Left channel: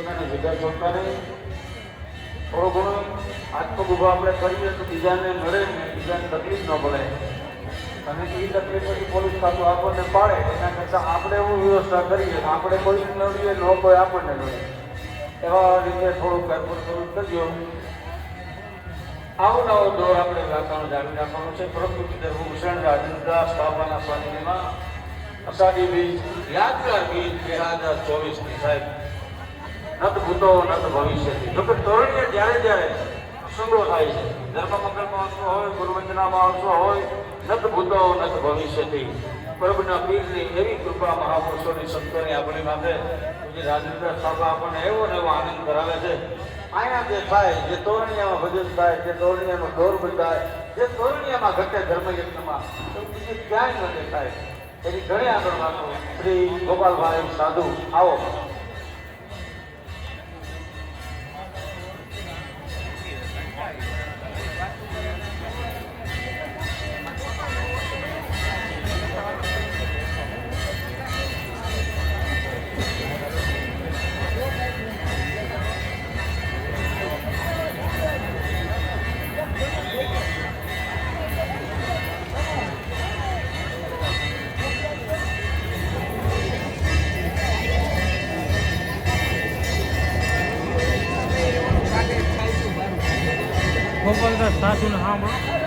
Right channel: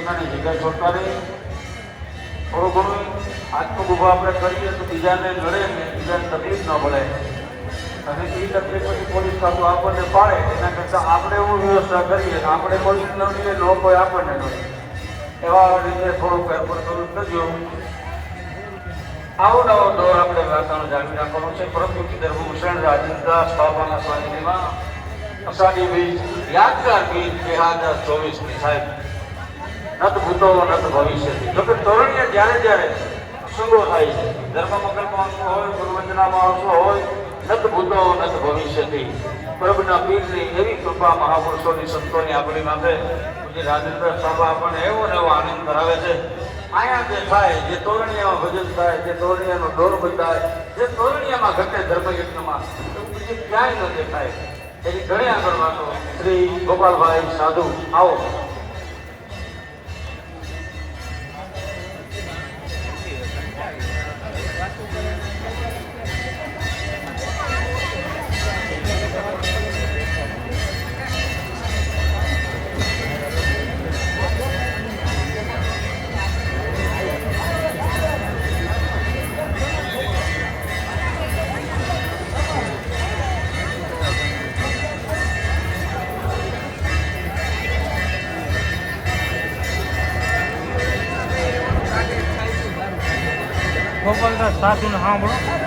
પોતાની જગ્યાએ જોતા રહીએ. થોડું ઘણું આટલું ઊભું આપણે કરીએ તો બીજાને નડે ને બીજાને તકલીફ ન પડે. અને એ તકલીફ પછી પોલીસ કામ આપણને પાડે એના કરતાં આપણે એવું વ્યવસ્થા કરીએ આપણે કોઈ ન કરીએ લોકો આપણને કરે એવા રીતે થોડુંક આપણે કરવું થજો. આવો નવો દોર આપણે વાર્તાનો જાણી રાખવાનો છે. પ્રકૃતિ ધર્મ શરણ રાજેન્દ્ર સ્વાભાના સ્વાધીનમાં અષાઢી બીજ યાદગાર બીજ 2024 સાહેબ નત ભૂતો નત ભવિષ્યથી. જોકે તોરણીયા જ્યારે જ્યારે પ્રસંગો થાય છે ધર્મમંગલ મહોત્સવ હોય ગુરુવંદના મહોત્સવ હોય નત ભૂતો નત ભવિષ્યથી પ્રભુના પીરની એવી કૃપા મહાપુરુષોની સંતોની આપણી માટે જે રાજેન્દ્ર સ્વાભા આપણને એવો ને એવો આનંદ કરાવે છે. અહીંયા જે થાય જે તોરણીયામાં ભજન થાય જે તોરણીયાનો દોર બતાય જે તોરણીયામાં ઘટે ધર્મયુદ્ધમાં બીજું ક્યાંય ન દેખાય એની ઘણી આગળ વાતો. શ્રી ગોપાલભાઈ સાધુ આવો. ગોપાલદાસ સાધુને સાંભળો.